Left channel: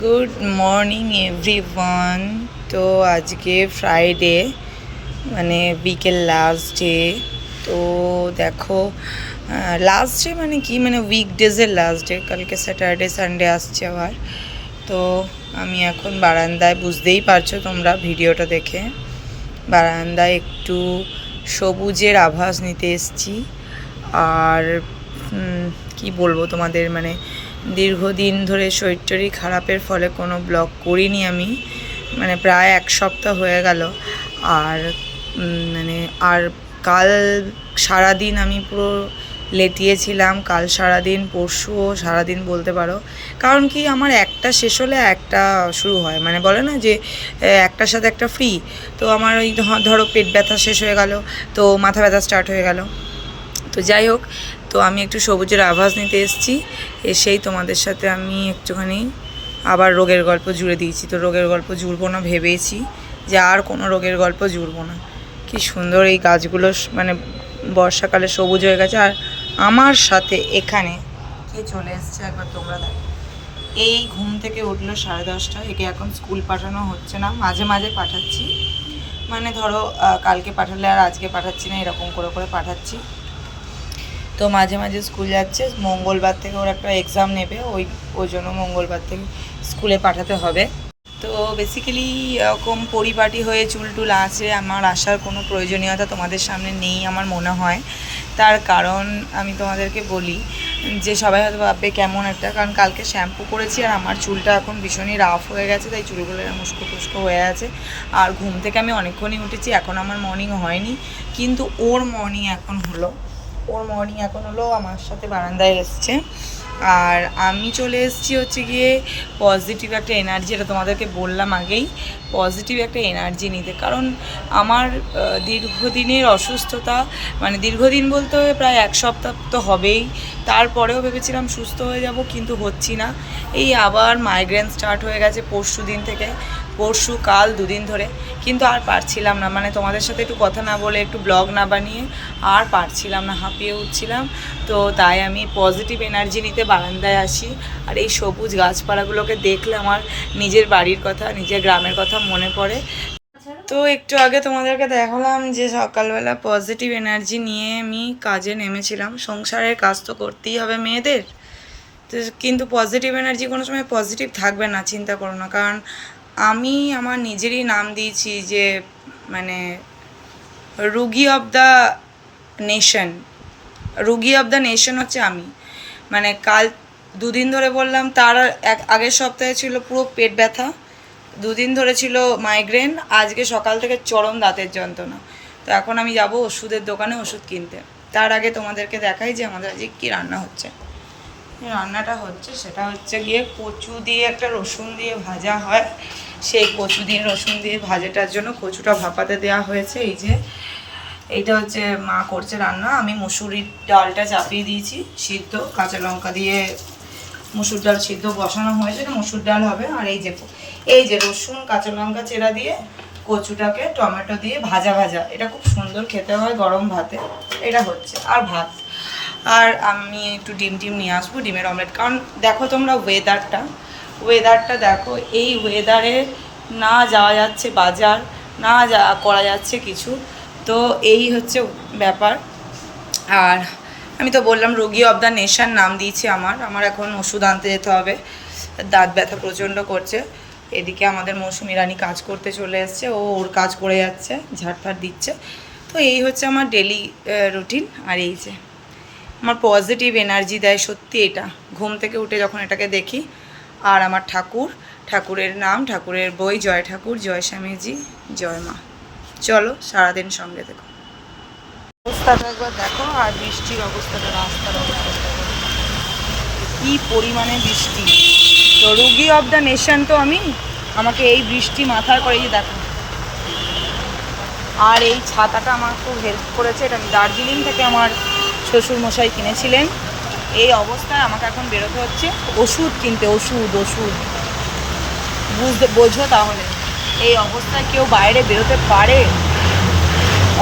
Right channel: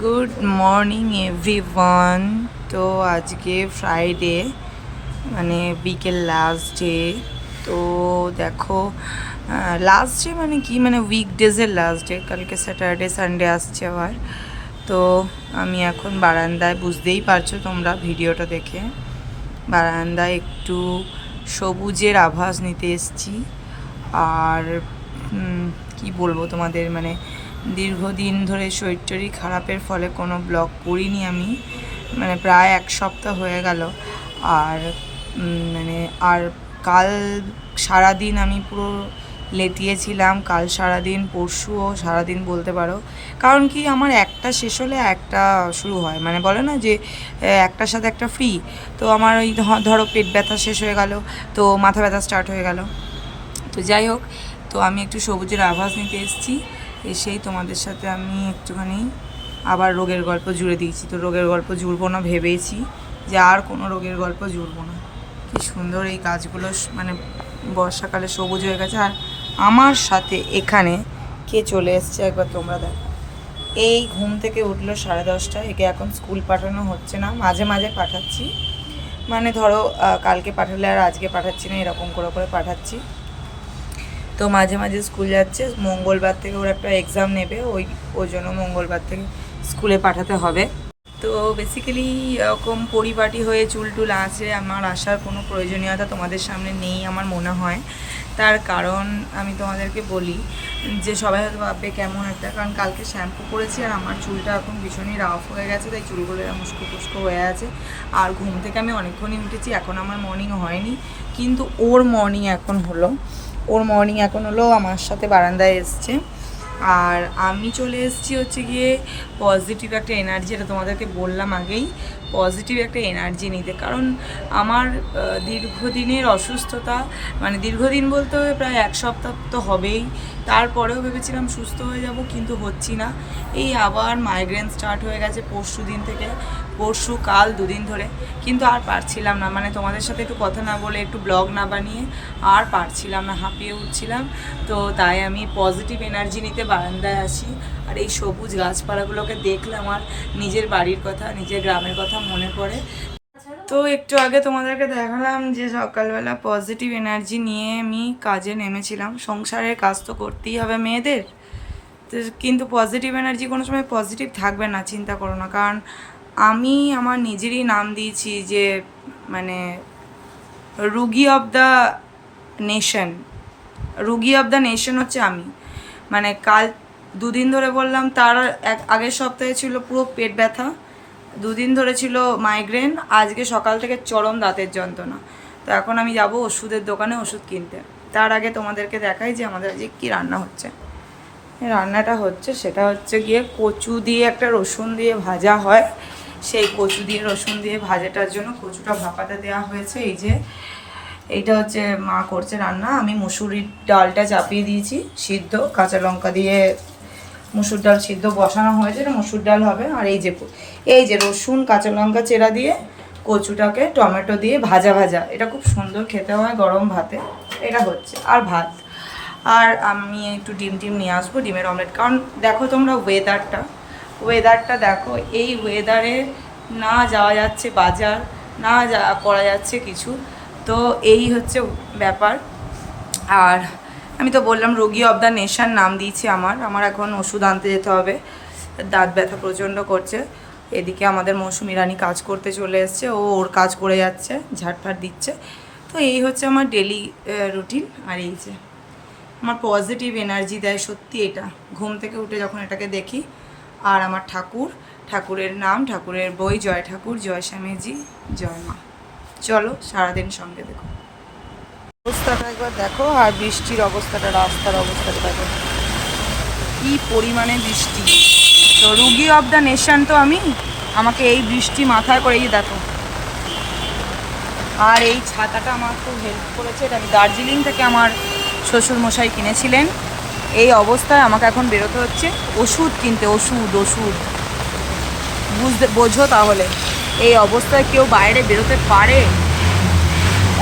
Good morning everyone. তো আজকে Friday, মানে উইকের লাস্ট ডে। তো দেখো, লাস্ট ডে মানে কি, মানে উইকডেজের লাস্ট ডে। কালকে স্যাটারডে সানডে আসছে আবার। তো আমি এখন বারান্দায়, বুঝতেই পারছো তোমরা ভিডিওটা দেখে, বারান্দায় একটু সবুজের আভাস নিতে এসেছি। আর কি বলবো তোমাদের, মানে দীর্ঘদিন ধরে শরীর খারাপের ফলে কোনো ব্লগ করিনি আমি, মানে প্রায় এক সপ্তাহ হয়ে গেল। আর মানে আর কাল সারাদিন আমি পুরো লেটিয়েছিলাম, কাল সারাদিন, পরশুও সারাদিন বলতে পারো। কারণ কি, আমার একটা শেষ হলে একটা শুরু হয়, মানে বলে না যে একটার সাথে একটা ফ্রি। তো আমার ওই ধরো পেট ব্যথা শেষ হয়ে গেল, তো মাথা ব্যথা স্টার্ট হয়ে গেল। তো যাই হোক, তো আমি একটু সবুজের আভাস নিতে এসেছি। এসেই তোমাদের সাথে আমি একটুখানি আবার রোগের গল্প জুড়ে দিয়েছি। তো রোগের গল্প জুড়বো না, ভেবেছি যে আর কোনো রোগের গল্প জুড়বো না। কি সুন্দর এই গাছগুলো, মানে বর্ষাকালে সবুজ হয়ে গেছে। আর আমার সাথে এখানে কে চলে এসছে একবার তোমরা দেখো। এই ঘুম থেকে উঠলো 10:30, একে এখন স্কুল পাঠানো হচ্ছে না, মাঝে মাঝে পাঠাচ্ছি। মানে ধরো কালকে পাঠালে আর আজকে পাঠাচ্ছি না, এরকম করে করে পাঠাচ্ছি। তো মাঝে মাঝে স্কুল যাচ্ছে। মঙ্গলবার থেকে ওর একটা এক্সাম নেবে, ওই জন্য মঙ্গলবার থেকে স্কুলে পাঠাতে হবে। তো বেসিক্যালি এরকম পরিপাটি হয়ে চুল টুল আঁচড়ে আমার আসার কোনো প্রয়োজনীয়তা তোমাদের সামনে নেই আমার মনে হয়। তার কারণ আমি তোমাদেরকে বলি যে সবাই হয়তো ভাববে কেমন একটা, কারণ কালকে শ্যাম্পু করেছি আর আমার চুলটা এখন ভীষণই রাফ হয়ে গেছে, তাই চুলগুলো মুস্কো ফুস্কো হয়ে আছে। আর ঘুম থেকে আমি অনেকক্ষণই উঠেছি, এখন আমার মর্নিং হয়নি, কিন্তু ওর মর্নিং এখন হলো। আমার সাথে বারান্দায় এসছে। আর আমি চলে এসেছি হচ্ছে গিয়ে পজিটিভ একটা এনার্জি, এটা তোমাদেরকে বললাম আগেই, পজিটিভ একটা এনার্জি নিতে। কারণ আমার দীর্ঘদিনের অসুস্থতা, মানে দীর্ঘদিন বলতে প্রায় এক সপ্তাহ তো হবেই। তারপরেও ভেবেছিলাম সুস্থ হয়ে যাব, কিন্তু হচ্ছি না। এই আবার মাইগ্রেন স্টার্ট হয়ে গেছে পরশু কাল 2 দিন ধরে। কিন্তু আর পারছিলাম না, মানে তোমাদের সাথে একটু কথা না বলে, একটু ব্লগ না বানিয়ে আর পারছিলাম না, হাঁপিয়ে উঠছিলাম। তো তাই আমি পজিটিভ এনার্জি নিতে বারান্দায় আসি। আর এই সবুজ গাছপালাগুলোকে দেখলে আমার নিজের বাড়ির কথা, নিজের গ্রামের কথা মনে পড়ে। তো একটু আগে তোমাদেরকে দেখালাম যে সকালবেলা পজিটিভ এনার্জি নিয়ে আমি কাজে নেমেছিলাম। সংসারের কাজ তো করতেই হবে মেয়েদের। তো কিন্তু পজিটিভ এনার্জি কোনো সময় পজিটিভ থাকবে না, চিন্তা করো না। কারণ আমি আমার নিজেরই নাম দিয়েছি যে মানে রুগী অফ দ্য নেশন হচ্ছে আমি। মানে কাল 2 দিন ধরে বললাম, তার আগের সপ্তাহে ছিল পুরো পেট ব্যথা, 2 দিন ধরে ছিল মাইগ্রেন, আজকে সকাল থেকে চরম দাঁতের যন্ত্রণা। তো এখন আমি যাব ওষুধের দোকানে ওষুধ কিনতে। তার আগে তোমাদেরকে দেখাই যে আমাদের আজকে কী রান্না হচ্ছে। রান্নাটা হচ্ছে, সেটা হচ্ছে গিয়ে কচু দিয়ে, একটা রসুন দিয়ে ভাজা হয়, সেই কচু দিয়ে রসুন দিয়ে ভাজাটার জন্য কচুটা ভাপাতে দেওয়া হয়েছে। এই যে এইটা হচ্ছে মা করছে রান্না। আমি মুসুরির ডালটা চাপিয়ে দিয়েছি সিদ্ধ, কাঁচা লঙ্কা দিয়ে মুসুর ডাল সিদ্ধ বসানো হয়েছে, এটা মুসুর ডাল হবে। আর এই যে রসুন কাঁচা লঙ্কা চেরা দিয়ে কচুটাকে টমেটো দিয়ে ভাজা, এটা খুব সুন্দর খেতে হয় গরম ভাতে। এটা হচ্ছে, আর ভাত। আর আমি একটু ডিম নিয়ে আসবো, ডিমের অমলেট। কারণ দেখো তোমরা ওয়েদারটা দেখো, এই ওয়েদারে না যাওয়া যাচ্ছে বাজার, না করা যাচ্ছে কিছু। তো এই হচ্ছে ব্যাপার। আর আমি তো বললাম রোগী অব দ্য নেশন নাম দিয়েছি আমার এখন ওষুধ আনতে যেতে হবে, দাঁত ব্যথা প্রচণ্ড করছে। এদিকে আমাদের মৌসুমি রানী কাজ করতে চলে এসছে, ওর কাজ করে যাচ্ছে, ঝাড়ফাড় দিচ্ছে। তো এই হচ্ছে আমার ডেলি রুটিন। আর এই যে আমার পজিটিভ এনার্জি দেয় সত্যি এটা, ঘুম থেকে উঠে যখন এটাকে দেখি। আর আমার ঠাকুরের নাম, ঠাকুরের বই, জয় ঠাকুর, জয় স্বামীজি, জয় মা। চলো সারাদিন সঙ্গে দেখো। অবস্থাটা একবার দেখো, আর বৃষ্টির অবস্থাটা, রাস্তার অবস্থাটা দেখো কী পরিমাণে বৃষ্টি। তো রুগী অব দ্য নেশন তো আমাকে এই বৃষ্টি মাথায় করে, এই দেখো। আর এই ছাতাটা আমার খুব হেল্প করেছে, এটা আমি দার্জিলিং থেকে আমার শ্বশুরমশাই কিনেছিলেন। এই অবস্থায় আমাকে এখন বেরোতে হচ্ছে ওষুধ কিনতে, ওষুধ বোঝো তাহলে এই অবস্থায় কেউ বাইরে বেরোতে পারে?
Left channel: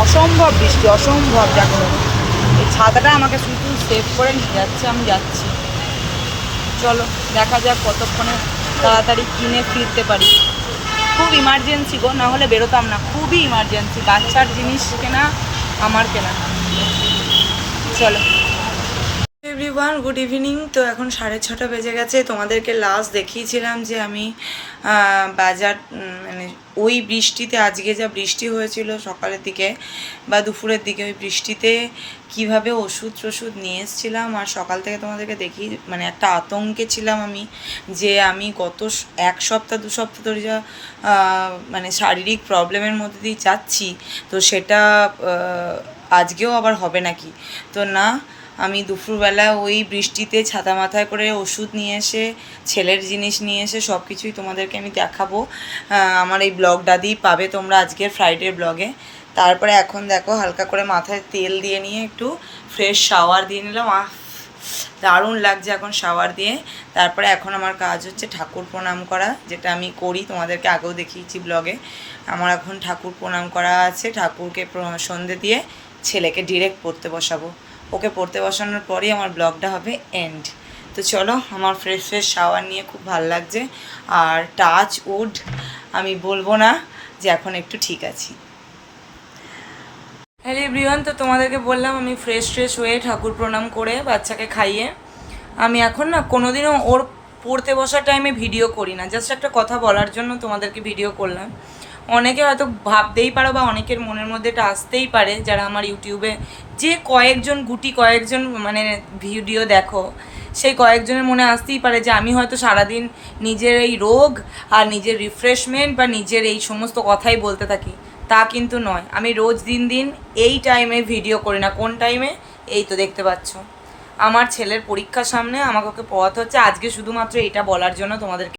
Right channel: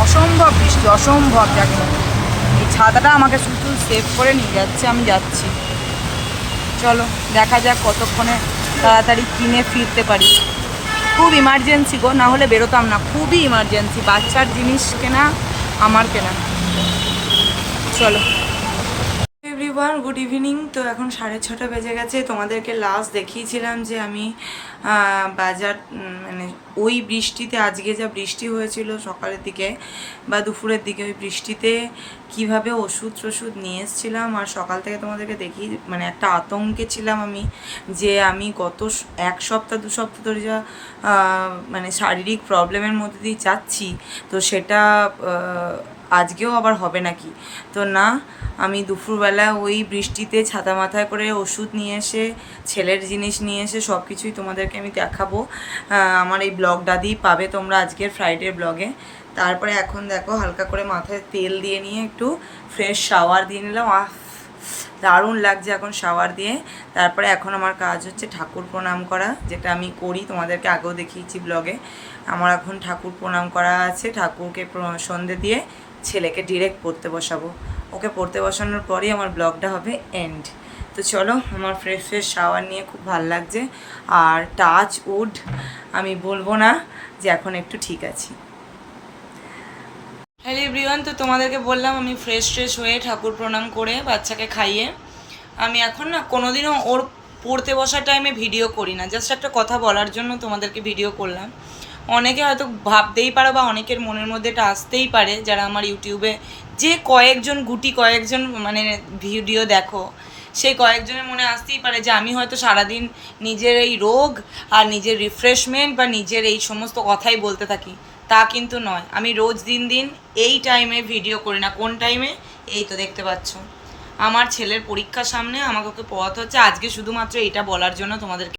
অসম্ভব বৃষ্টি, অসম্ভব যাকে বলে। এই ছাতাটা আমাকে শুধু সেভ করে নিয়ে যাচ্ছে, আমি যাচ্ছি। চলো দেখা যাক কতক্ষণে তাড়াতাড়ি কিনে ফিরতে পারি। খুব ইমার্জেন্সি গো, না হলে বেরোতাম না, খুবই ইমার্জেন্সি, বাচ্চার জিনিস কেনা, আমার কেনা। চলো এভরিওয়ান, গুড ইভিনিং। তো এখন 6:30 বেজে গেছে। তোমাদেরকে লাস্ট দেখিয়েছিলাম যে আমি বাজার মানে ওই বৃষ্টিতে, আজকে যা বৃষ্টি হয়েছিল সকালের দিকে বা দুপুরের দিকে, ওই বৃষ্টিতে কিভাবে ওষুধ টষুধ নিয়ে এসেছিলাম। আর সকাল থেকে তোমাদেরকে দেখি মানে একটা আতঙ্কে ছিলাম আমি, যে আমি গত 1 সপ্তাহ 2 সপ্তাহ ধরে যা মানে শারীরিক প্রবলেমের মধ্যে দিয়ে যাচ্ছি, তো সেটা আজকেও আবার হবে নাকি। তো না, আমি দুপুরবেলা ওই বৃষ্টিতে ছাতা মাথায় করে ওষুধ নিয়ে এসে, ছেলের জিনিস নিয়ে এসে সব কিছুই তোমাদেরকে আমি দেখাবো। আমার এই ব্লগটা দিয়েই পাবে তোমরা আজকের ফ্রাইডের ব্লগে। তারপরে এখন দেখো হালকা করে মাথায় তেল দিয়ে নিয়ে একটু ফ্রেশ শাওয়ার দিয়ে নিলাম। দারুণ লাগছে এখন শাওয়ার দিয়ে। তারপরে এখন আমার কাজ হচ্ছে ঠাকুর প্রণাম করা, যেটা আমি করি, তোমাদেরকে আগেও দেখিয়েছি ব্লগে। আমার এখন ঠাকুর প্রণাম করা আছে, ঠাকুরকে সন্ধে দিয়ে ছেলেকে ডিরেক্ট পড়তে বসাবো। ওকে পড়তে বসানোর পরই আমার ব্লগটা হবে এন্ড। তো চলো, আমার ফ্রেশ ফ্রেশ শাওয়ার নিয়ে খুব ভালো লাগছে। আর টাচ উড, আমি বলবো না যে এখন একটু ঠিক আছি। হ্যালো এভরিওয়ান, তো তোমাদেরকে বললাম আমি ফ্রেশ হয়ে ঠাকুর প্রণাম করে বাচ্চাকে খাইয়ে আমি এখন না কোনোদিনও ওর পড়তে বসার টাইমে ভিডিও করি না, জাস্ট একটা কথা বলার জন্য তোমাদেরকে ভিডিও করলাম। অনেকে হয়তো ভাবতেই পারো বা অনেকের মনের মধ্যে এটা আসতেই পারে, যারা আমার ইউটিউবে যে কয়েকজন মানে ভিডিও দেখো, সেই কয়েকজনের মনে আসতেই পারে যে আমি হয়তো সারাদিন নিজের এই রোগ আর নিজের রিফ্রেশমেন্ট বা নিজের এই সমস্ত কথাই বলতে থাকি। তা কিন্তু নয়, আমি রোজ দিন এই টাইমে ভিডিও করি না। কোন টাইমে? এই তো দেখতে পাচ্ছ, আমার ছেলের পরীক্ষার সামনে আমাকে ওকে পড়াতে হচ্ছে। আজকে শুধুমাত্র এটা বলার জন্য তোমাদেরকে